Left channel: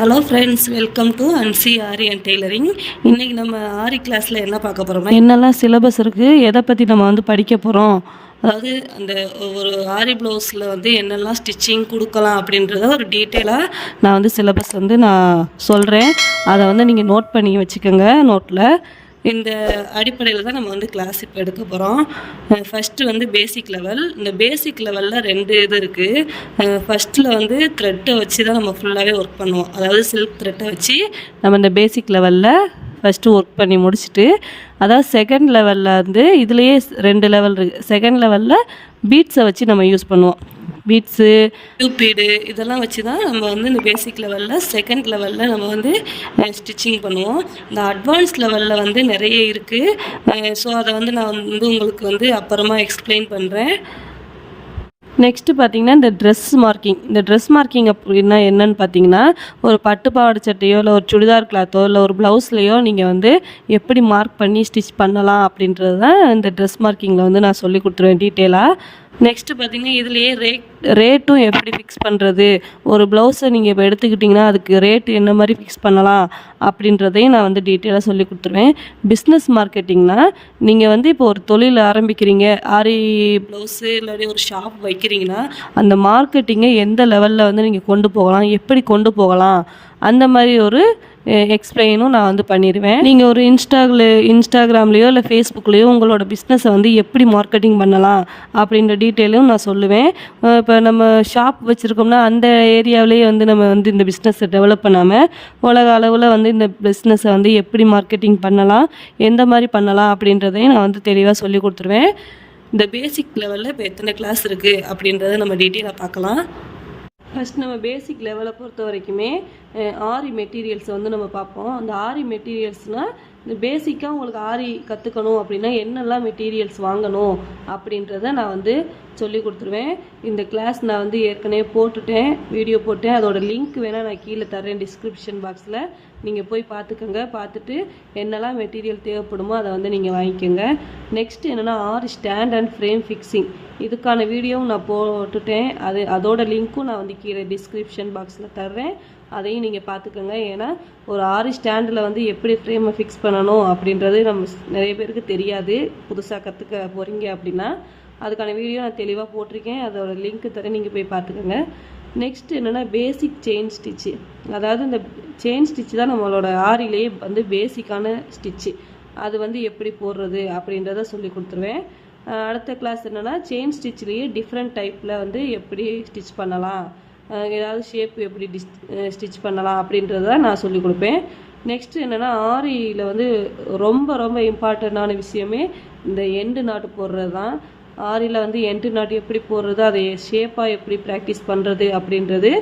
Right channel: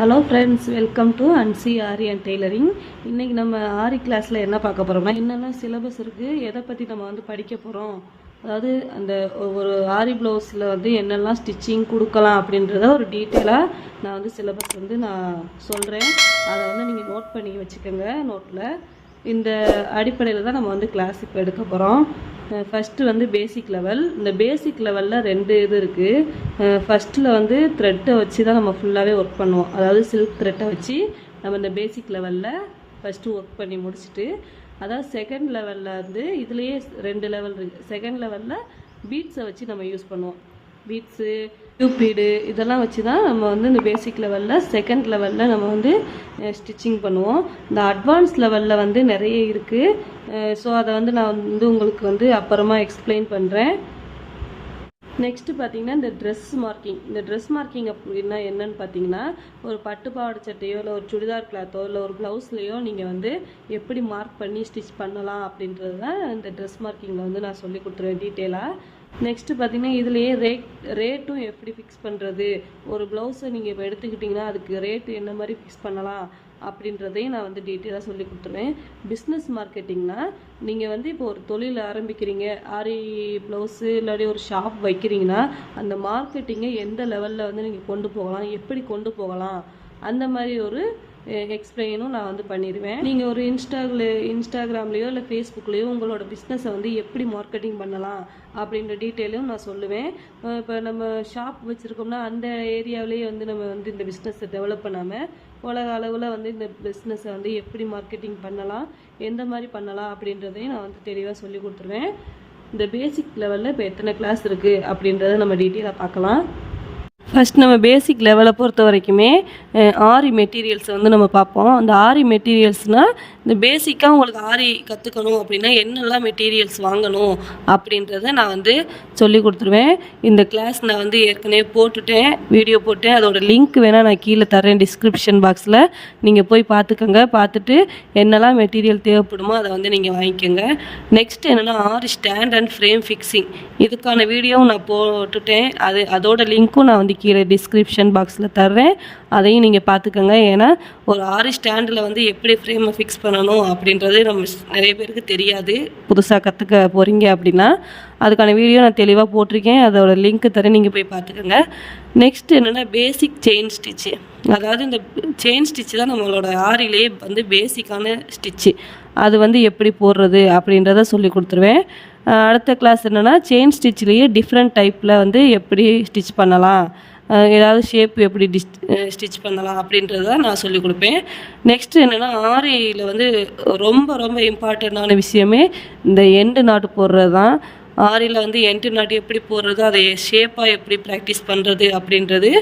Hello friends, welcome to Ansi Aari and tailoring. இன்றைக்கி நம்ம ஆரி கிளாஸில் என்ன பார்க்க போகிறோம்னா, என்னெல்லாம் சிலபஸ் இருக்குது, எதை பற்றி நம்ம படிக்க போகிறோம், அதாவது அந்த ஒரு ஆரி ப்ளவுஸில் என்னெல்லாம் ஸ்டிச்சிங் கொடுக்கலாம் அப்படின்றத ஒரு டீட்டெயிலாக நான் சிலபஸ் நான் சொல்கிறேன். அதை நீங்கள் நோட் பண்ணி வச்சுக்கோங்க நோட்டில். இந்த அடிப்படையில் தான் நம்ம கிளாஸ் இப்போ எடுக்க போகிறோம். First basic level. இந்த பேசிக் லெவலில் 2 இது இருக்குது. ஃபஸ்ட்டில் த்ரெட்டை வச்சு தான் நம்ம ஃபுல்லாகவே ஒர்க் பண்ணுவோம். அதாவது சில்க் த்ரெட்டை வச்சு நம்ம இந்த பேசிக் லெவலில் ஃபஸ்ட்டு ஒர்க் பண்ணி முடிச்சுட்டு, அதாவது செகண்ட் லெவலில் இதுலேயே 2 லெவல் இருக்குது. செகண்ட் லெவலில் பீட்ஸை வச்சு நம்ம யூஸ் பண்ணுவோம். பீட்ஸு, டியூபீடு இதெல்லாம் வச்சு தான் நம்ம இந்த பேசிக் லெவலில் செகண்ட் லெவலில் நம்ம ஸ்டிச்சிங் பண்ணுவோம். இந்த அட்வான்ஸ் லெவலில் நிறைய இருக்குது. ஸோ அதை நான் உங்களுக்கு அப்புறமா எக்ஸ்பிளைன் பண்ணுறேன். நெக்ஸ்ட்டு பார்த்திங்கன்னா இந்த ட்ரெஸ் மார்க்கிங் அப்படின்னா என்னன்னு பார்த்தீங்கன்னா, ஒரு பட்டு பாவாடை சட்டையோ இல்லை ஒரு சுடிதார் கிளாத்தோ இல்லை ஒரு ப்ளவுஸ்லையோ நீங்கள் எப்படி மார்க் பண்ணி ஸ்டிச் பண்ணலாம் அப்படின்றது தான் இந்த ட்ரெஸ் மார்க்கிங்கில் நான் சொல்லி கொடுத்துருவேன் டீட்டெயிலாக. நெக்ஸ்ட்டு பார்த்திங்கன்னா இதுலேயே ரேட்டும் எப்படி ஃபிக்ஸ் பண்ணுறது, ஒரு ப்ளவுஸை நீங்கள் இப்போ எடுத்துக்கிட்டிங்கன்னா அதுக்கு ரேட்டு என்ன மாதிரி ஃபிக்ஸ் பண்ணலாம் அப்படின்றதையும் நான் டீட்டெயிலாக சொல்லி கொடுத்துருவேன். பிஸ்னஸ் மார்க்கெட்டிங்னால் நீங்கள் இப்போ ஒரு தொழில் ஆரம்பிக்கிறீங்க, ஆரி ப்ளவுஸு இல்லாட்டி ஒரு ஷாப் வைக்கிறீங்கன்னா அந்த மார்க்கெட்டிங்கை எந்த லெவலில் நீங்கள் கொண்டு போகலாம், எப்படி கொண்டு போகலாம், அந்த மாதிரி ஒரு எக்ஸ்பிளைனும் நான் பண்ணிடுவேன். நீங்கள் ஒரு இன்ஸ்டாகிராம்லேயோ இல்லை ஃபேஸ்புக்லேயோ உங்களோட பிஸ்னஸை எப்படி மார்க்கெட்டிங் பண்ணலாம் அப்படின்ற டீட்டெயிலும் நான் சொல்லுவேன். இப்போ நம்ம ஷாப் வச்சுருக்கோம்னா அந்த ஏரியாவிலேயே நம்ம இந்த பிஸ்னஸை டெவலப் பண்ணாமல் உலக அளவில் இந்த பிஸ்னஸை எப்படி மார்க்கெட்டிங் பண்ணலாம், எந்த மாதிரி பண்ணலாம் அப்படின்றதையும் நான் தெளிவாக சொல்லி கொடுத்துருவேன். இந்த பேசிக் லெவலில் இப்போ எத்தனை கிளாஸ் இருக்குது அப்படின்றத நம்ம டீட்டெயிலாக பார்க்கலாம். ஃபஸ்ட் நம்ம பேசிக் லெவலை பொறுத்த வரைக்குமே ஆரி மெட்டீரியல்ஸை நம்ம பார்ப்போம். அந்த ஆரி மெட்டீரியல்ஸ்னால் இந்த பேசிக்காக உங்களுக்கு ஆரி கற்றுக்கணும் அப்படின்னா என்னெல்லாம் மெட்டீரியல்ஸ் வாங்கணும் அப்படின்றத நான் சொல்லி கொடுத்துருவேன். இந்த கிளாஸ் நான் ஏற்கனவே போட்டுட்டேன், வீடியோ போட்டேன். அதோடய லிங்க் வேணால் நான் கீழே தரேன் டிஸ்கிரிப்ஷன் பாக்ஸில். நீங்கள் போய் பார்த்துக்கோங்க. பார்த்துட்டு என்னெல்லாம் மெட்டீரியல் தேவைப்படுமோ அதை நீங்கள் வாங்கிக்கோங்க. நெக்ஸ்ட் என்னென்னா ஆரி ஸ்டாண்ட் அண்ட் ஃப்ரேம் ஃபிக்ஸிங், இதுக்கான வீடியோவும் நான் போட்டுட்டேன். அதோட லிங்க்கும் நான் கீழே டிஸ்கிரிப்ஷன் பாக்ஸில் தர்றேன். அதையும் நீங்கள் பார்த்துக்கோங்க. ஏன்னா ஒரு ஆரி ஸ்டாண்டில் எப்படி ஃப்ரேமை ஃபிக்ஸ் பண்ணணும் அப்படின்றது நிறைய பேருக்கு தெரியாது. புதுசாக கற்றுக்க போகிறீங்க அப்படின்னா அதுக்கான வீடியோ நான் தெளிவாக போட்டிருக்கேன். அதோட லிங்க் தரேன், நீங்கள் போய் பார்த்துக்கோங்க. நெக்ஸ்ட் என்னென்னா பேசிக் செயின் ஸ்டிச்சு. அதாவது இந்த செயின் ஸ்டிச்சு தான் நம்மளோட ஆரிலே பேசிக்கான ஸ்டிச்சு. அது எப்படி போடுறது அப்படின்றத சொல்லி கொடுத்துருவேன். அடுத்த கிளாஸ் என்னென்னா செயின் ஸ்டிச்லேயே டிஃப்ரெண்ட் டைப்பில் எப்படி ஸ்டிச் பண்ணலாம், ஏதாவது ஷேப் எப்படி ஸ்டிச் பண்ணலாம் அப்படின்றத நான் சொல்லிக் கொடுப்பேன். நெக்ஸ்ட்டு என்னென்னா ஆரியில் ரொம்ப ரொம்ப இம்பார்ட்டண்ட்டான விஷயமே இந்த எண்டு நாட்டு போடுறது தான். ஆரியில் எண்டு நாட்டு எப்படி போடுறது, அதை ஷேப்பாக எப்படி ப்ராக்டிஸ் பண்ணுறது அப்படின்றது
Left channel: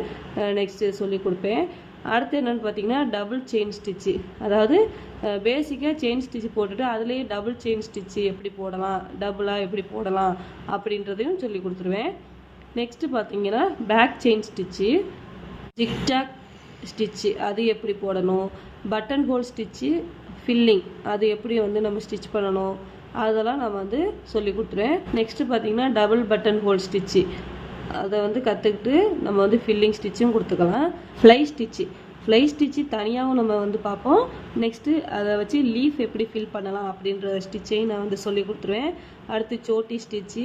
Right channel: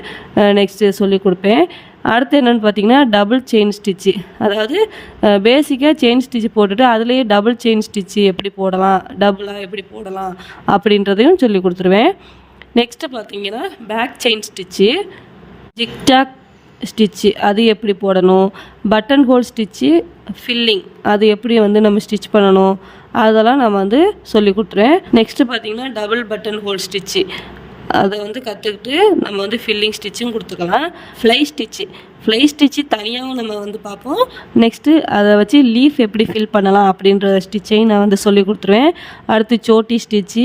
நெக்ஸ்ட்டு சொல்லிக் கொடுப்பேன். அடுத்து என்னென்னு பார்த்தீங்கன்னா டபுள் செயின் ஸ்டிச்சு. அதாவது பேசிக்காக செயின் ஸ்டிச்சு போட்டுட்டு அதுலேயே டபுள் செயின் ஸ்டிச்சு எப்படி போடலாம், டபுளாக எப்படி போடலாம் அப்படின்றதையும் சொல்லி கொடுத்துருவேன். நெக்ஸ்ட்டு பார்த்தீங்கன்னா பேக் செயின் ஸ்டிச்சு, ஜிக்டாக் ஸ்டிச்சு அது எப்படி போடணும், பட்டன் ஹோல் ஸ்டிச்சு, ஃபில்லிங் அது எப்படி நம்ம ஸ்டிச் பண்ணணும், அதெல்லாம் நம்ம சொல்லி கொடுத்துருவேன். நெக்ஸ்ட்டு பார்த்தீங்கன்னா டபுள் பட்டன் ஹோல் ஸ்டிச்சு, அதை கற்றுக்கிட்டு நம்ம ஃபில்லிங் ஸ்டிச்சும் கொடுத்துக்கலாம். ஃப்ளை ஸ்டிச்சு தனியாகவும் நம்ம பார்ப்போம். நெக்ஸ்ட்டு அதை வச்சு லீஃப் எப்படி ஃபில் பண்ணலாம் அப்படின்ற ஸ்டிச்சையும் நான் சொல்லி கொடுத்துருவேன். அடுத்து Chhoti stitch,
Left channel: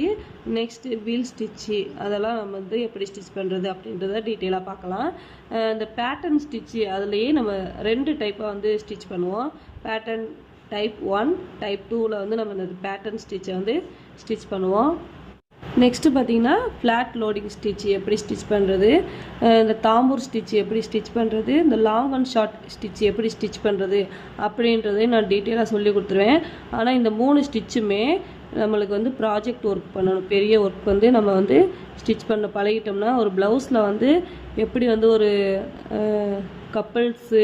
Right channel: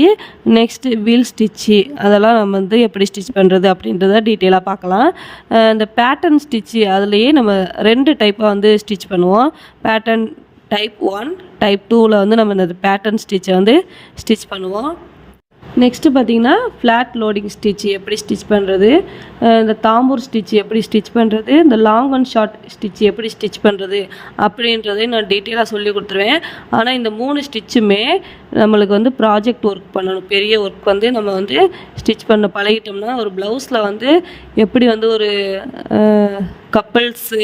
next wheel stitch, அதெல்லாம் நம்ம எப்படி ஸ்டிச் பண்ணுறது அப்படின்றத டீட்டெயிலாக பார்க்கலாம். இந்த பேட்டர்ன் ஸ்டிச்சு அதுலேயே நம்ம 2 டைப்பாக ஸ்டிச் பண்ணுவோம். பேட்டர்ன் டைப் 1, டைப் 2ல் நம்ம இந்த பேட்டர்ன் ஸ்டிச்சை ஸ்டிச் பண்ணுவோம். நெக்ஸ்ட்டு பார்த்திங்கன்னா ஃப்ளாட் லோடிங் ஸ்டிச் எப்படி ஸ்டிச் பண்ணுறது, இந்த தாம்பூர் ஸ்டிச் எப்படி ஸ்டிச் பண்ணுறது, இந்த லாங் அண்ட் ஷார்ட் ஸ்டிச் எப்படி ஸ்டிச் பண்ணுறது அப்படின்றதையும் நான் டீட்டெயிலாக சொல்லி கொடுத்துருவேன். ஆனால் இந்த 3 ஸ்டிச்சுமே நம்மளுக்கு ப்ராஜெக்ட் ஒர்க் பண்ணணும். பெரிய ஒர்க் நம்ம ஸ்டிச் பண்ண பழகிட்டோம்னா ஒரு ப்ளவுஸில் எப்படி ஒரு கப்பல்ஸு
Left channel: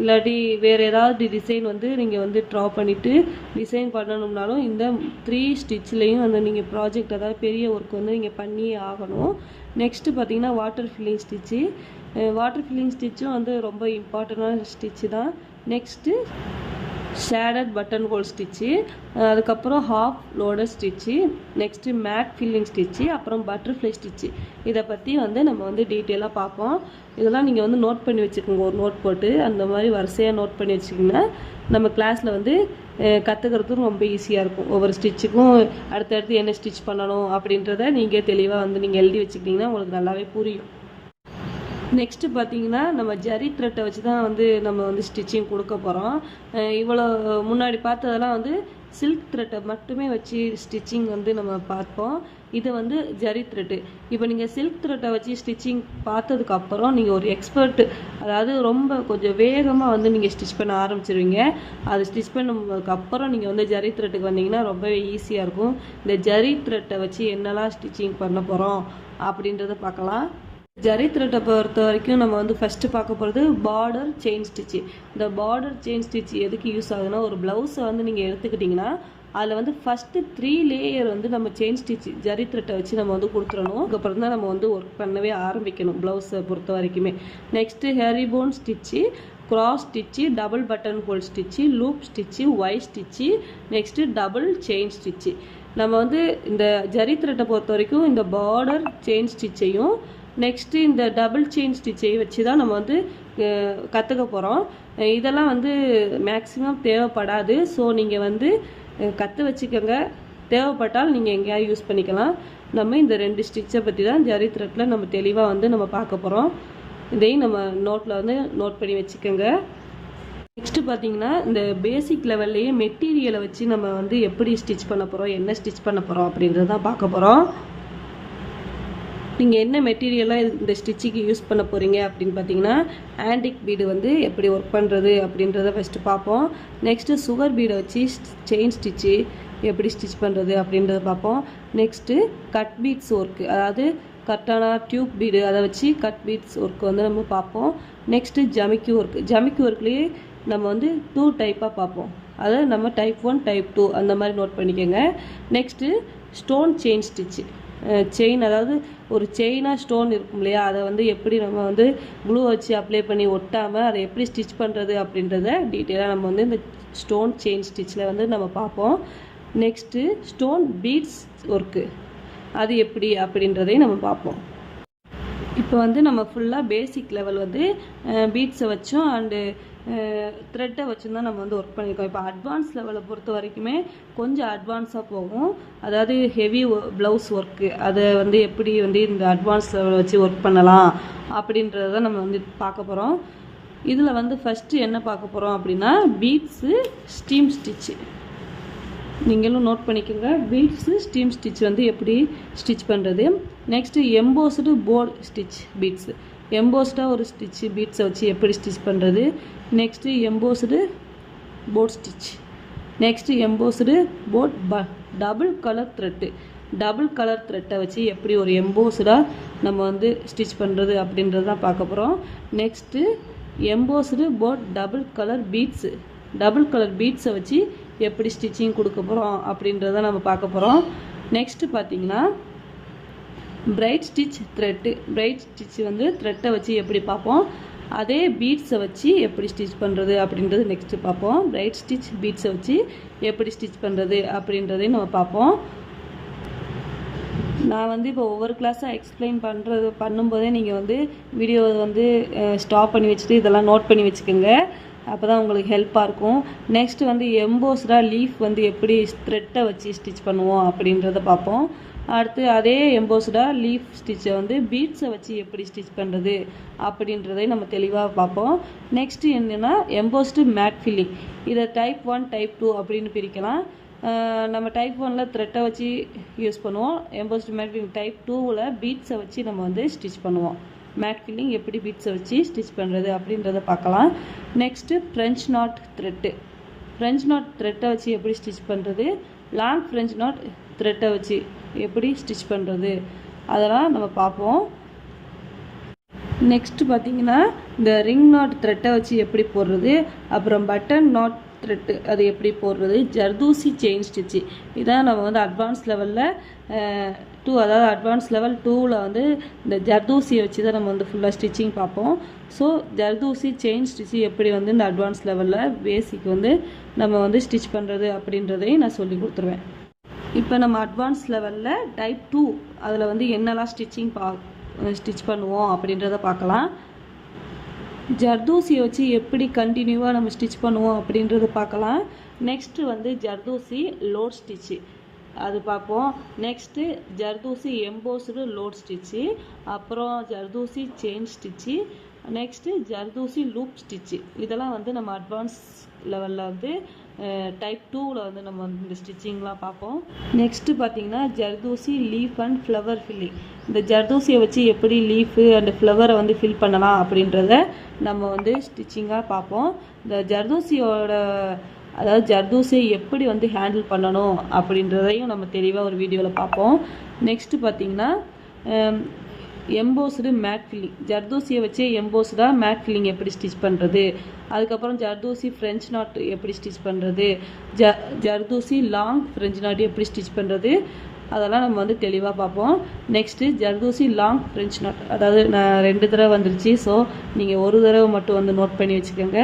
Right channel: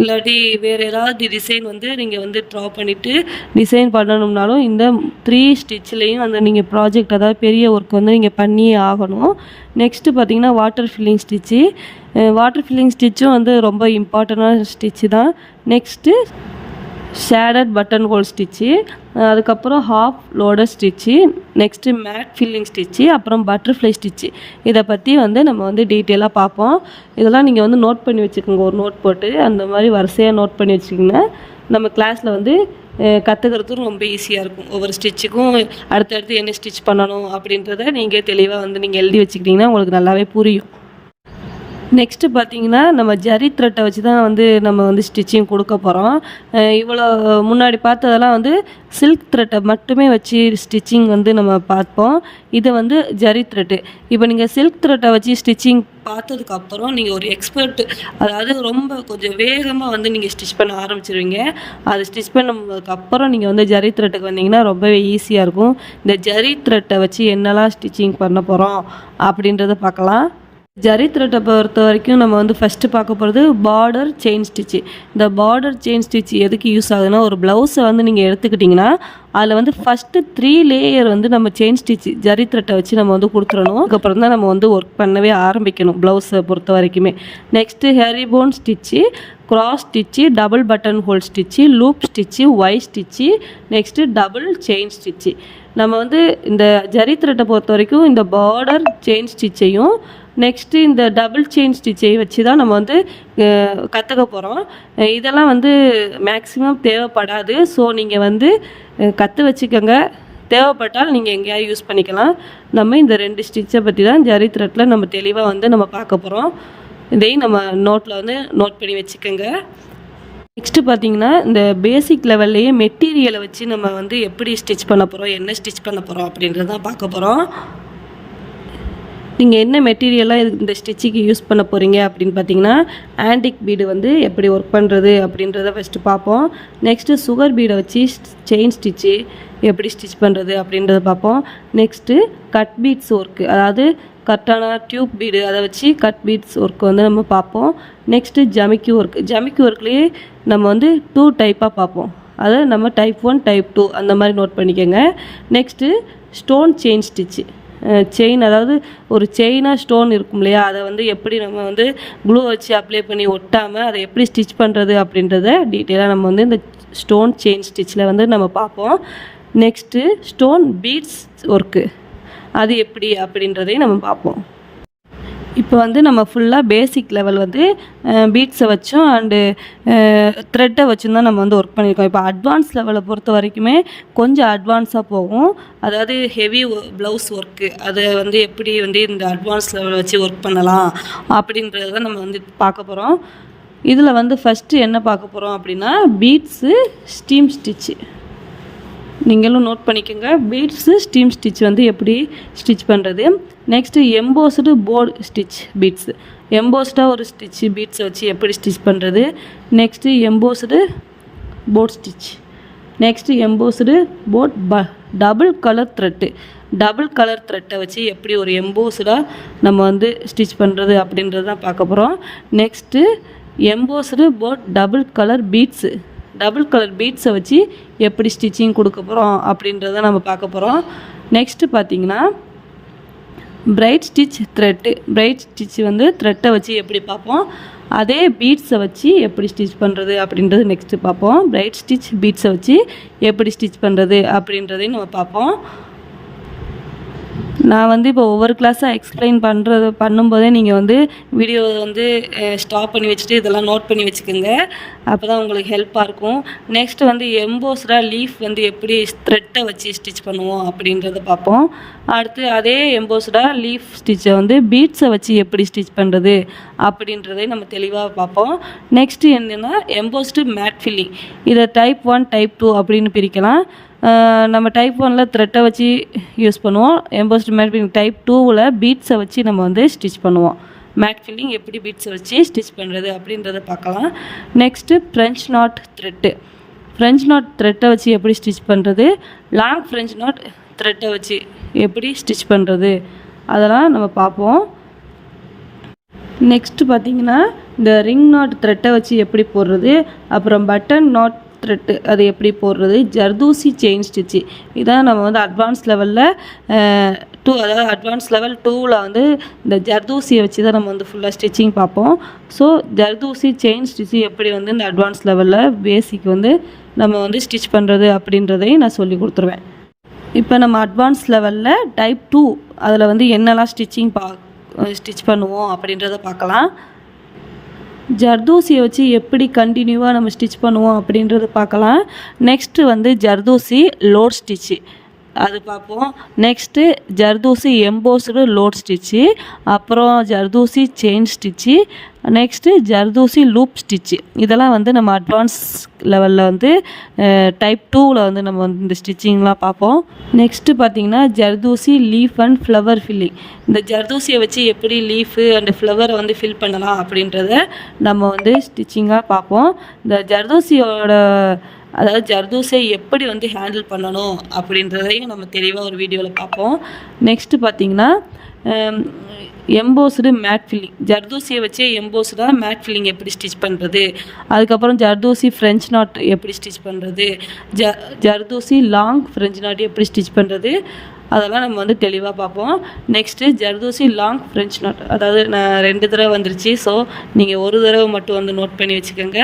இல்லாட்டி வேறு ஏதாவது டிசைன் நீங்கள் ட்ரா பண்ணிவிட்டு டிசைன் பண்ணணும்னாலும் இந்த 3 ஸ்டிச்லேயும் நீங்கள் ப்ராஜெக்ட் அதாவது பெரிய ஒர்க் நீங்கள் பண்ணியே ஆகணும். நெக்ஸ்ட்டு பார்த்திங்கன்னா வாட்டர் ஃபில்லிங் ஸ்டிச்சும் ரொம்ப இம்பார்ட்டண்டான ஸ்டிச்சு தான். Next shaded button hole stitch, அதுக்கப்புறம் half loader stitch, next mat filling stitch, அப்புறம் பட்டர்ஃப்ளை ஸ்டிச்சு. இதை பற்றி வந்து நம்ம வந்து டீட்டெயிலாக பார்ப்போம். இதெல்லாம் நீங்கள் வந்து நோட் பண்ணி வச்சுக்கோங்க, ஒரு நோட் போட்டு அந்த மாதிரி வரிசையாக நோட் பண்ணி வச்சுக்கிங்கன்னா நம்ம கிளாஸில் வந்து கற்றுக்கிறதுக்கு ரொம்ப ஈஸியாக இருக்கும். ஒவ்வொரு ஸ்டிச்சுக்கும் அடுத்தடுத்து என்ன ஸ்டிச் பண்ணணும் அப்படின்றத நீங்கள் தெளிவாக வந்து நீங்கள் எழுதி வச்சுக்கிட்டிங்கன்னா உங்களுக்கு நல்லாவே புரியும். நெக்ஸ்ட்டு பார்த்தீங்கன்னா நம்ம ஜரி த்ரெட்டை வச்சு தான் வந்து நம்ம வந்து ஸ்டிச்சிங் கொடுக்க போகிறோம். இவ்வளோ முன்னாடி பார்த்ததெல்லாம் வந்து சில்க் த்ரெட்டை மட்டுமே வச்சு ஸ்டிச்சிங் வந்து நம்ம பார்ப்போம். இது வந்து ஜரி த்ரெட்டு. இப்போ நீங்கள் சில்க் த்ரெட்டை வச்சு ஸ்டிச்சிங் பார்த்ததுக்கப்புறம் நீங்கள் ஒரு எக்ஸ்பர்ட், அதாவது ரொம்ப கொஞ்சம் வேகமாக வந்து நீங்கள் ஸ்டிச் பண்ண ஆரம்பிச்சிருவீங்க. அது ஸ்டிச் பண்ணதுக்கப்புறம் நீங்கள் வந்து ஜரி த்ரெட்டுக்கு வந்தீங்கன்னா ரொம்பவே ஈஸியாக இருக்கும். இந்த ஜரி த்ரெட்டை வச்சு என்னெல்லாம் ஸ்டிச்சிங் பண்ண போகிறோம் அப்படின்றத பார்க்கலாம். ஜரி த்ரெட்டை பொறுத்த வரைக்கும் நம்ம வந்து ஃபஸ்ட்டு பார்க்க போகிறது பார்டர் செயின் ஸ்டிச்சு. இந்த பார்டர் செயின் ஸ்டிச் எதுக்கு யூஸ் ஆகுதுன்னா, ஒரு ப்ளவுஸை வந்து நீங்கள் எடுத்துக்கிட்டிங்கன்னா அதில் வந்து ஃபஸ்ட்டு 3 லேயர் வந்து நம்ம செயின் ஸ்டிச்சு ஜரி த்ரெட்டை வச்சு நம்ம வந்து கொடுத்துடணும். அதுக்கப்புறம் தான் நம்ம வந்து ஒர்க் பண்ணவே ஆரம்பிக்கணும் ப்ளவுஸை பொறுத்த வரைக்குமே. Next herringbone stitch, cross stitch, double button hole stitch, loop stitch, Y stitch, next double chain stitch. நம்ம வந்து இந்த ஜரி த்ரெட்டை பொறுத்த வரைக்கும் இந்த பார்டர் செயின் ஸ்டிச்சையும் நெக்ஸ்ட்டு இந்த டபுள் செயின் ஸ்டிச்சை வச்சு தான் நம்ம வந்து கற்றுக்க போகிறோம். இதெல்லாம் வந்து மேக்ஸிமம் தேவைப்படாது. ஸோ நீங்கள் வந்து கற்று வச்சுக்கோங்க. தேவைப்பட்டால் நீங்கள் எங்கேயாவது யூஸ் பண்ணிக்கலாம். நம்ம இந்த 2 ஸ்டிச்சை பற்றி தான் ஜரி த்ரெட்டில் நம்ம தெளிவாக வந்து நம்ம பார்க்க போகிறோம். இதையும் நம்ம நோட்டில் வந்து நோட் பண்ணி வச்சுக்கோங்க. நெக்ஸ்ட்டு பார்த்தீங்கன்னா இந்த பேசிக் லெவல்லையே மெட்டீரியலை வச்சு நம்ம வந்து எப்படி ஸ்டிச் பண்ண போகிறோம், என்ன ஸ்டிச் பண்ண போகிறோம் அப்படின்றது தான் பார்க்க போகிறோம். நீங்கள் என்ன மெட்டீரியலாக இந்த ஸ்டிச்சுக்கு யூஸ் பண்ண போகிறீங்க அப்படின்னு பார்த்தீங்கன்னா, ஆன்டிக் பீடு வந்து எப்படி ஒர்க் பண்ணுறது அப்படின்றத ஃபஸ்ட்டு பார்ப்போம். நெக்ஸ்ட்டு சுகர் பீடை வச்சு செயின் ஸ்டிச்சு எப்படி ஸ்டிச் பண்ணுறது அப்படின்றத பார்ப்போம். நெக்ஸ்ட்டு கட் பீட்ஸ் ஒர்க்கு, அதாவது கரெக்டான டியூப் பீடு அதை வச்சு கட் பீட்ஸ் ஒர்க் வந்து நம்ம பார்ப்போம். Next ஜமிக்கி work. ஜமிக்கி ஒர்க்லேயே நம்ம வந்து 2 டைப்பாக பார்ப்போம். அதை நம்ம டைப் 1 டைப் 2 அந்த மாதிரி நோட் பண்ணிக்கோங்க. Next stone chain stitch. Chain, அதாவது ஒரு செயினாக ஸ்டோன் இருக்கும் இல்லையா, அதை வந்து எப்படி நம்ம வந்து க்ளூ வச்சு அப்ளை பண்ணி ஒட்டாமல் அதை எப்படி ஸ்டிச் பண்ணுறது அப்படின்றத டீட்டெயிலாக நம்ம வந்து இந்த ஸ்டோன் செயின் ஸ்டிச்சில் வந்து நம்ம பார்ப்போம். நெக்ஸ்ட்டு ஸ்டோன் பீட்ஸ் ஒர்க்கு, அது எப்படி அப்படின்றதையும் நம்ம பார்ப்போம். இப்போ வந்து நம்ம ஃபுல்லாக பேசிக் லெவல் வந்து பீட்ஸை வச்சும் அண்டு த்ரெட்டை வச்சும் தான் நம்ம வந்து ஒர்க் பண்ணியிருக்கோம். இப்போ அட்வான்ஸ் லெவலை பொறுத்த வரைக்குமே கொஞ்சம் அட்வான்ஸாக போகும். அதாவது ஹெவி ப்ளவுஸ் ஒர்க்கு, அதை வந்து எப்படி வந்து இந்த அட்வான்ஸ் லெவலை வச்சு ஒர்க் பண்ணலாம் அப்படின்றத தான் நம்ம வந்து பார்க்க போகிறோம். இதில் வந்து ஃபஸ்ட்டு என்ன பார்க்க போகிறோம் அப்படின்னா, பீட்ஸு ஸ்டீம் ஸ்டிச்சு. நீங்களும் நோட் பண்ணிக்கோங்க, பீட்ஸு ஸ்டீம் ஸ்டிச் வந்து எப்படி ஸ்டிச் பண்ணுறது. Next embossed board stitch beads, எம்போஸ்டாக ஒரு ஸ்டிச்சு பீட்ஸை வச்சு எப்படி ஸ்டிச் பண்ணுறது. Next embossed board stitch. Next embossed board double colour thread, double colour த்ரெட்டை வச்சு எப்படி ஒரு எம்போஸ்டாக நம்ம வந்து ஸ்டிச் பண்ணுறது அப்படின்றது தான் பார்க்க போகிறோம். Next embossed board double colour beads, double colour பீட்ஸை வச்சு எப்படி ஸ்டிச்சிங் கொடுக்க போகிறோம் அப்படின்றத நம்ம பார்க்க போகிறோம். நெக்ஸ்ட்டு பார்த்தீங்கன்னா braid stitch thread, braid stitch வந்து த்ரெட்டை வச்சு எப்படி பார்ப்போம். அதே பீட்ஸை வச்சு எப்படி ஸ்டிச் பண்ணுறது அப்படின்றது நெக்ஸ்ட்டு பார்ப்போம். பிரைட் ஸ்டிச் பீட்ஸை வச்சு எப்படி ஸ்டிச் பண்ணுறது அப்படின்றதையும் நம்ம பார்ப்போம். நான் வந்து இப்போ ஒவ்வொரு கிளாஸாக எக்ஸ்பிளைன் பண்ணும்போதே நீங்கள் வந்து வீடியோவை வந்து ஸ்டாப் பண்ணி வச்சுட்டு இதெல்லாம் நோட் பண்ணி வச்சுக்கோங்க. அப்போ தான் உங்களுக்கு ஹெல்ப்பாக இருக்கும். நெக்ஸ்ட்டு வந்து எம்போஸ்டாக லீஃப் வந்து எப்படி த்ரெட்டை வச்சு ஸ்டிச் பண்ணுவோம் அப்படின்றத பார்ப்போம். அடுத்து அதே எம்போஸ்டாக லீஃப் ஸ்டிச்சை வந்து பீட்ஸை வச்சு எப்படி ஸ்டிச் பண்ணுறது அப்படின்றதை நம்ம தெளிவாக பார்ப்போம். நெக்ஸ்ட்டு என்னென்னா எம்போஸ்டு மேட் ஃபில்லிங். இதை டைப் 1 டைப் 2 அப்படின்னு பிரிக்கலாம். நம்ம டைப் 1ல் த்ரெட்டை வச்சு யூஸ் பண்ணுவோம். எம்போஸ்டு மேட் ஃபில்லிங் டைப் 2ல் பீட்ஸை வச்சு நம்ம வந்து ஸ்டிச் பண்ணுவோம். மேட் ஃபில்லிங் எப்படி பீட்ஸை வச்சு ஸ்டிச் பண்ணுறது அப்படின்றத பார்க்கலாம். Next French not thread, French not த்ரெட்டை வச்சு எப்படி ஸ்டிச் பண்ணுறது, லாங் ஃப்ரெஞ்ச் நாட் த்ரெட்டை வச்சு எப்படி ஸ்டிச் பண்ணுறது அதெல்லாம் நம்ம பார்ப்போம். நெக்ஸ்ட்டு பார்த்திங்கன்னா இந்த ரிங் நாட் த்ரெட்டை வச்சு எப்படி போடுறது, அப்புறம் பட்டன் நாட் த்ரெட்டு அது எப்படி போடுறது, ஜர்தூசி செயின் ஸ்டிச்சு. இதான் நம்ம வந்து அட்வான்ஸ் லெவலில் 2, அதாவது அட்வான்ஸ் லெவல் 2ல் வந்து இந்த ஜர்தூசியை வச்சு தான் நம்ம வந்து ஃபுல்லாக ஸ்டிச்சிங் பார்ப்போம். ஸோ ஜர்தூசி செயின் ஸ்டிச்சு எப்படி வந்து இந்த அட்வான்ஸ் லெவலில் பேசிக் வந்து நம்ம வந்து ஸ்டிச் பண்ணுறது அப்படின்றதையும் நான் சொல்லி கொடுத்துருவேன். இப்போ நம்ம அட்வான்ஸ் லெவலில் டைப் 2 அதில் வந்து என்னெல்லாம் ஸ்டிச் பண்ணுவோம் அப்படின்றத பார்க்கலாம். ஜர்தோசியை வச்சு எப்படி கண்டினியூவாக நம்ம ஸ்டிச் பண்ணுவோம் அப்படின்றத பார்க்கலாம். நெக்ஸ்ட்டு வந்து ஜர்தோசி லோட் ஸ்டிச்சு அது பார்ப்போம். Next zardozi embossed load stitch, அப்புறம் zardozi chain stitch, next zardozi loop stitch. இதெல்லாம் வந்து நம்ம அட்வான்ஸ் லெவலில் வந்து டைப் 2வில் வந்து நம்ம வந்து இந்த ஸ்டிச்சிங்லாம் பார்ப்போம். நெக்ஸ்ட்டு பார்த்திங்கன்னா zardozi leaf and flower filling. இந்த ஜர்தோசியை வச்சு எப்படி லீஃபு அண்ட் ஃப்ளவரை வந்து ஃபில் பண்ணலாம் அப்படின்றத நம்ம வந்து ஸ்டிச்சிங்காக பார்ப்போம். இந்த ஜர்தோசியை எப்படி வந்து ஹேண்டில் பண்ணணும் அப்படின்றதையும் நம்ம தெளிவாக ஒரு வீடியோவில் பார்ப்போம். நெக்ஸ்ட்டு பார்த்திங்கன்னா எம்போஸ்டு மேட் ஃபில்லிங். ஜர்தோசியை வச்சு எம்போஸ்டாக மேட் ஃபில்லிங் எப்படி ஸ்டிச் பண்ணுறது, அதுக்கப்புறம் ஜர்தோசி ஃப்ரெஞ்ச் நாட் எப்படி ஸ்டிச் பண்ணுறது, ஜர்தோசி லாங் ஃப்ரெஞ்ச் நாட் எப்படி ஸ்டிச் பண்ணுறது, அதெல்லாம் நம்ம வந்து தெளிவாக பார்ப்போம். Next zardozi long French knot, அதாவது நான் 2 தடவை வந்துருச்சு, ஸோ நீங்கள் ஒரு தடவை மட்டும் வந்து நோட் பண்ணி வச்சுக்கோங்க.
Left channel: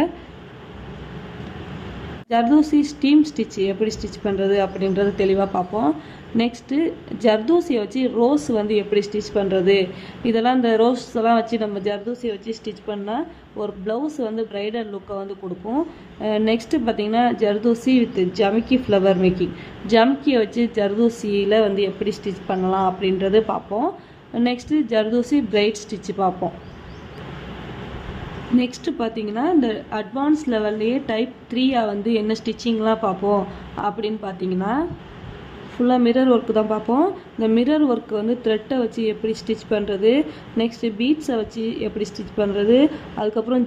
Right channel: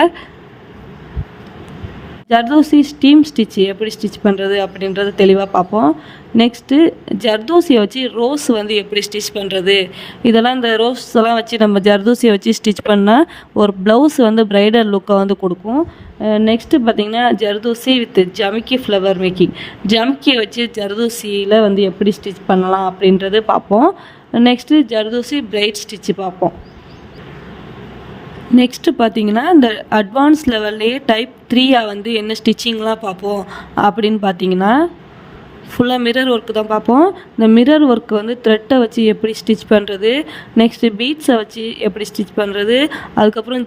ஜர்தோசி ஸ்டீம் ஸ்டிச் எப்படி ஸ்டிச் பண்ணுறது அப்படின்றத தெளிவாக பார்ப்போம். நெக்ஸ்ட்டு ஜர்தோசியை வச்சு ரோஸ் வந்து எப்படி ஸ்டிச் பண்ணுறது, இதெல்லாம் இந்த ரோஸ் எல்லாம் வச்சு நம்ம ஜர்தோசியை வச்சு ஸ்டிச் பண்ணால் ஒரு ப்ளவுஸ் வந்து ப்ரைடல் லுக்கை வந்து கொடுக்கும். நெக்ஸ்ட்டு பார்த்திங்கன்னா ஜர்தோசி வித் ஜமிக்கி ஃப்ளவர் மேக்கிங். ஜமிக்கியை வச்சு ஜர்தோசியில் வந்து எப்படி ஸ்டிச் பண்ணலாம் அப்படின்றது பார்ப்போம். நெக்ஸ்ட்டு ஜர்தோசி பிரைட் ஸ்டிச்சு பார்ப்போம். நெக்ஸ்ட்டு பார்த்திங்கன்னா இந்த அட்வான்ஸ் லெவல்லையே டைப் 3 வந்து என்ன ஸ்டிச்சிங்லாம் பார்ப்போம் அப்படின்னு பார்த்தீங்கன்னா ஃபுல்லாக மிரர் ஒர்க்கு தான் பார்ப்போம். இந்த மிரர் ஒர்க்கு வந்து த்ரெட்டை வச்சு எப்படி ஸ்டிச் பண்ணுறது, நெக்ஸ்ட்டு பீட்ஸை வச்சு எப்படி ஸ்டிச் பண்ணுறது, அதுக்கப்புறம்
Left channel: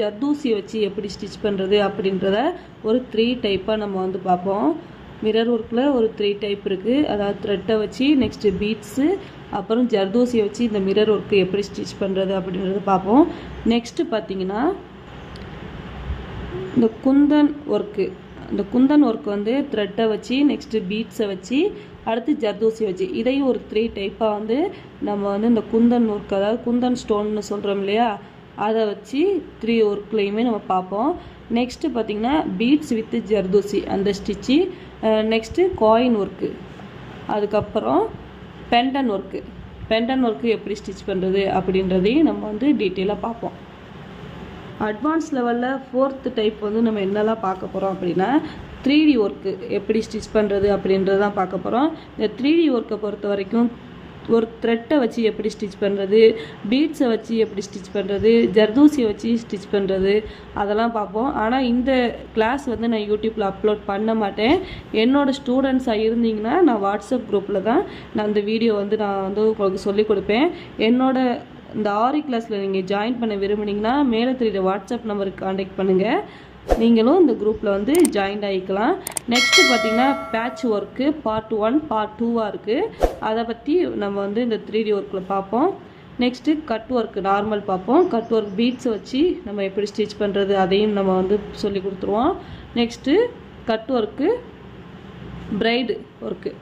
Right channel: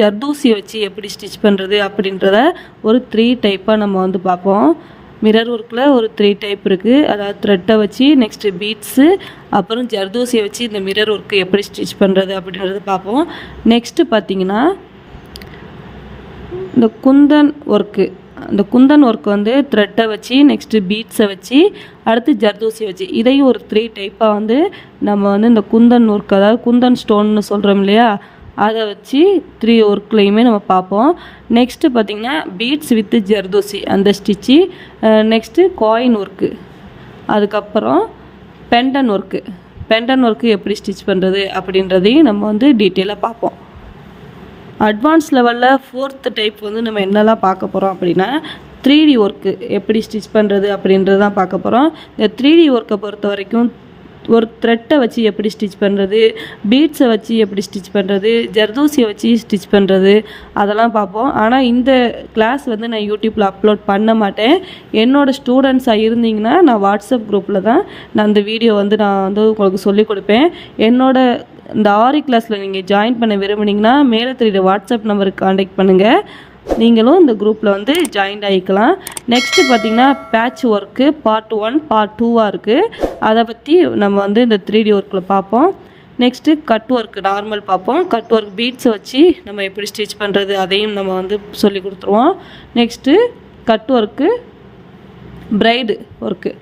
ஜர்தோசியை வச்சு எப்படி ஸ்டிச் பண்ணுறது அப்படின்றத ஒரு 3 டைப்பாக நம்ம வந்து பார்ப்போம். மிரர் ஒர்க்கில் ஒரு 3 டைப் இருக்குது. அதாவது த்ரெட்டை வச்சு, நெக்ஸ்ட்டு பீட்ஸு, அப்புறம் ஜர்தோசியை வச்சு இந்த மிரர் ஒர்க்கு எப்படி ஸ்டிச் பண்ணுறது அப்படின்றத பார்ப்போம். நெக்ஸ்ட்டு பார்த்திங்கன்னா இந்த குந்தன் ஒர்க்கு. அந்த குந்தன் ஒர்க் வந்து த்ரெட்டை வச்சு, நெக்ஸ்ட்டு பீட்ஸை வச்சு, அடுத்து ஜர்தோசியை வச்சு, இதையும் ஒரு 3 டைப்பாக வந்து நம்ம வந்து இந்த குந்தன் ஒர்க், அதாவது குந்தன் ஸ்டோன்னு சொல்கிறோம் இல்லையா, அதை வச்சு 3 ஒர்க்லேயுமே நம்ம பார்ப்போம். நெக்ஸ்ட்டு பார்த்திங்கன்னா பீட்ஸ் வித்து ஜர்தோசி அந்த ஸ்டிச்சு, நெக்ஸ்ட்டு காயின் ஒர்க்கு, அதுக்கப்புறம் பெண்டன் ஒர்க்கு எப்படி ஸ்டிச் பண்ணுறது அப்படின்றதையும் நம்ம வந்து டீட்டெயிலாக பார்ப்போம். அட்வான்ஸ் லெவலில் 4th டைப் வந்து நம்ம என்னெல்லாம் பார்க்க போகிறோம் அப்படின்னா 3D ஒர்க்கு எப்படி ஸ்டிச் பண்ணுறது அப்படின்றது தான் பார்க்க போகிறோம். இந்த 3D ஒர்க்கை பொறுத்த வரைக்கும் ஒரு த்ரெட்டை வச்சு எப்படி ஸ்டிச் பண்ணுறது, பீட்ஸை வச்சு எப்படி ஸ்டிச் பண்ணுறது, ஜர்தோசியை வச்சு ஸ்டிச் பண்ணுறது, அதெல்லாம் பார்ப்போம். ஆனால் இந்த கிளாஸ் வந்து நான் யூடியூப்பில் அப்லோட் பண்ண மாட்டேன். என்னோடய ஸ்டூடெண்ட்ஸாக இருந்தீங்கன்னா நான் வாட்ஸ்அப் குரூப்பில் தான் நான் அந்த வீடியோ வந்து நான் வந்து உங்களுக்கு சொல்லிக் கொடுப்பேன். இந்த ஆரி கிளாஸில் நீங்கள் ஜாயின் பண்ண விரும்புனீங்கன்னா மேலே தெரியுற வாட்ஸ்அப் நம்பருக்கு காண்டாக்ட் பண்ணுங்கள். நீங்களும் இந்த குரூப்பில் வந்து ஜாயின் ஆகிக்கலாம். நெக்ஸ்ட்டு பார்த்திங்கன்னா பேட்ச் ஒர்க்கு பார்ட் 1 பார்ட் 2 இருக்குது. அதை பற்றி நம்ம வந்து இந்த 3D ஒர்க்கில் பார்ப்போம். நெக்ஸ்ட்டு கட் ஒர்க்கு நார்மல் பார்ப்போம். கட் ஒர்க் பீட்ஸை வச்சு நம்ம எப்படி ஸ்டிச் பண்ணுறது அதையும் நம்ம வந்து சொல்லி கொடுத்துருவோம். Next cut work braid work,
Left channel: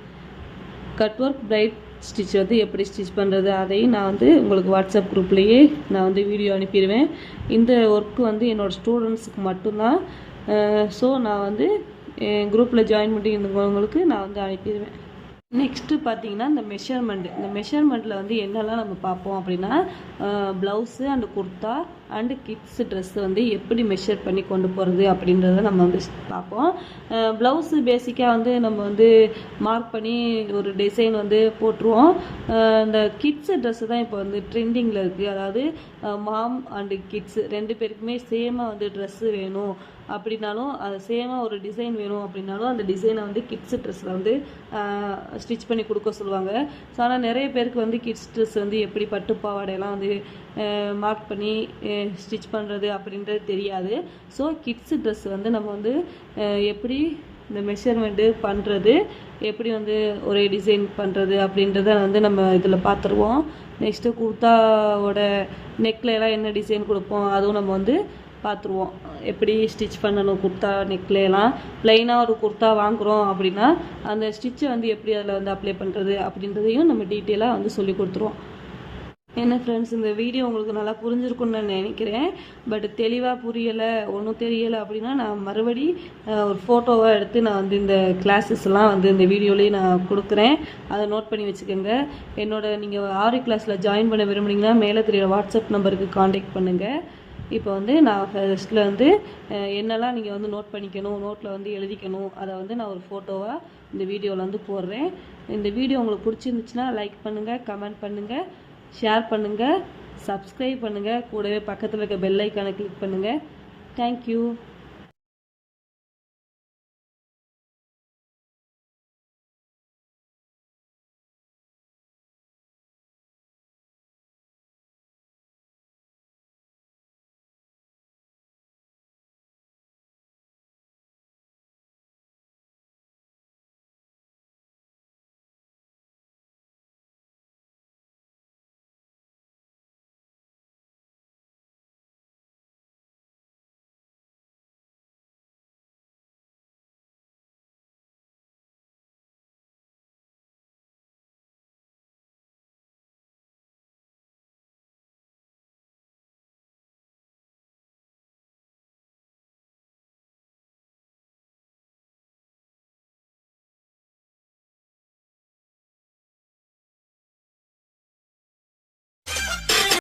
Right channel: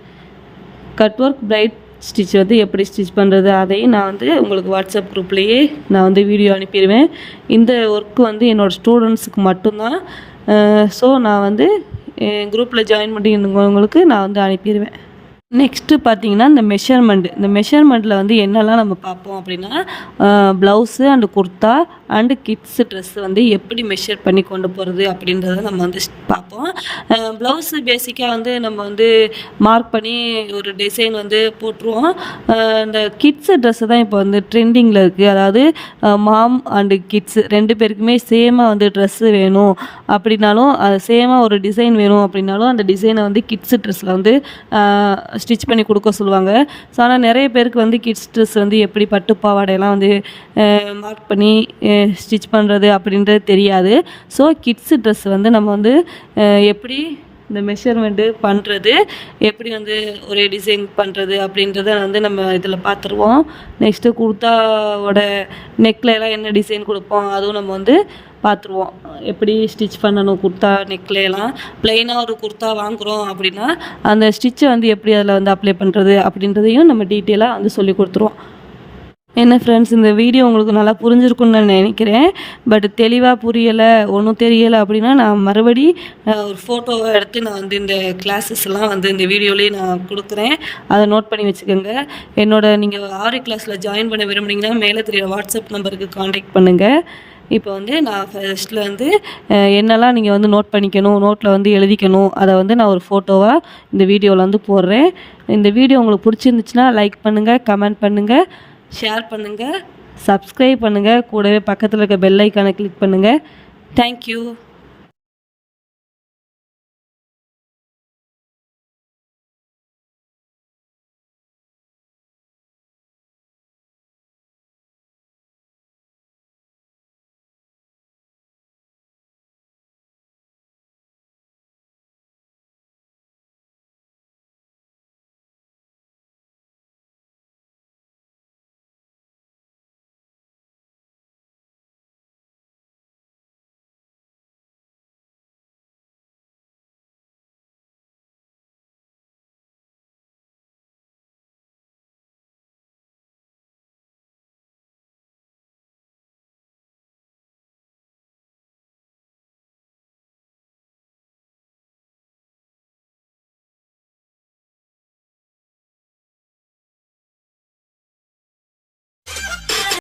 cut work braid stitch வந்து எப்படி ஸ்டிச் பண்ணுறது அதையும் நான் வந்து உங்களுக்கு வாட்ஸ்அப் குரூப்லேயே நான் வந்து வீடியோ அனுப்பிடுவேன். இந்த ஒர்க்கு வந்து என்னோடய ஸ்டூடெண்ட்ஸுக்கு மட்டும்தான். ஸோ நான் வந்து குரூப்பில் ஜாயின் பண்ணியிருந்தவங்களுக்கு நான் வந்து அனுப்பிடுவேன். நெக்ஸ்ட்டு பார்த்திங்கன்னா இந்த மெஷர்மெண்ட்டில் வந்து என்னெல்லாம் நம்ம பார்ப்போம் அப்படின்னா blouse and kurta and kids dress வந்து எப்படி மெஷர் பண்ணி கொண்டு போகிறது அப்படின்றத நம்ம வந்து பார்ப்போம். ப்ளவுஸு பேசிக்காக வந்து நம்ம வந்து மார்க் பண்ணி ஒரு டிசைன் வந்து போட்டுருவோம். இந்த கிட்ஸு ட்ரெஸ்ஸு தான் இப்போ வந்து ட்ரெண்டிங்கில் இருக்குது. அதாவது மாம் அண்டு கிட்ஸு 2 பேருக்குமே சேமாக வந்து ட்ரெஸ்ஸு வேணும் அப்படின்னாலும், அது சேமாக ஒரு டிசைன் வேணும் அப்படின்னாலும் அந்த டிசைனை வந்து கிட்ஸு ட்ரெஸ்ஸில் வந்து ஸ்டிச் பண்ணி கொடுக்க சொல்லுவாங்க. ஸோ ஆனால் நிறைய பேருக்கு வந்து கிட்ஸ் ட்ரெஸ் வந்து எப்படி பட்டு பாவாடையெல்லாம் வந்து மார்க் பண்ணி ஸ்டிச் பண்ணுறது அப்படின்றது தெரியாது. ஸோ கிட்ஸு ட்ரெஸ் வந்து நம்ம வந்து எப்படி இந்த மெஷர்மெண்ட்டு பண்ணுறது, எப்படி வந்து ஒரே டிசைன் பண்ணுறது அப்படின்றத வந்து நம்ம இதில் பார்த்துருவோம். நெக்ஸ்ட்டு குர்த்தாவோட நெக்லெலாம் என்ன டிசைன் கொடுப்போம் அதுவும் நம்ம வந்து பார்த்துருவோம். எப்படி ஸ்டிச் பண்ணணும் குர்த்தா நெக்லாம். ப்ளைனாக ஒரு குர்த்தா வாங்குகிறோம் அப்படின்னா அந்த ஸ்டிச்சை வந்து எப்படி அதில் வந்து அப்ளை பண்ணுறது அப்படின்றதையும் நம்ம டீட்டெயிலாக வந்து சொல்லி கொடுத்துருவோம். என்ன ஃப்ரெண்ட்ஸ், இந்த வீடியோ உங்களுக்கு நல்லா புரிஞ்சிருக்குன்னு நான் நினைக்கிறேன். பட் தெளிவாக புரியலை, ஒன்றும் தெரியலை அப்படின்னா நான் மறுபடி ஒரு ஃபோட்டோவாக எடுத்து நான் வந்து இந்த கிளாஸஸ்லாம் வந்து இந்த வீடியோலேயே நான் கொடுக்குறேன். அதை நோட் பண்ணி வச்சுக்கோங்க. நீங்கள் ஆரி கிளாஸில் ஜாயின் பண்ண விரும்புனீங்கன்னா மேலே தெரியுற வாட்ஸ்அப் நம்பருக்கு காண்டாக்ட் பண்ணுங்கள். இப்போ வந்து நான் ஃபர்ஸ்ட்டில் வந்து என்னெல்லாம் நீங்கள் வந்து நோட் பண்ணிக்கணும், நோட்டில் வந்து எழுதிக்கணும், அதை வந்து நான் ஒரு ஃபோட்டோவாக இந்த வீடியோவில் வந்து போடுறேன். இந்த வீடியோ உங்களுக்கு பிடிச்சிருந்துச்சுன்னா லைக் பண்ணுங்கள், கமெண்ட் பண்ணுங்கள், ஷேர் பண்ணுங்கள், சப்ஸ்கிரைப் பண்ணுங்கள். கூடவே பக்கத்தில் இருக்க பெல் ஐக்கானை கிளிக் பண்ணுங்கள். தேங்க்யூ.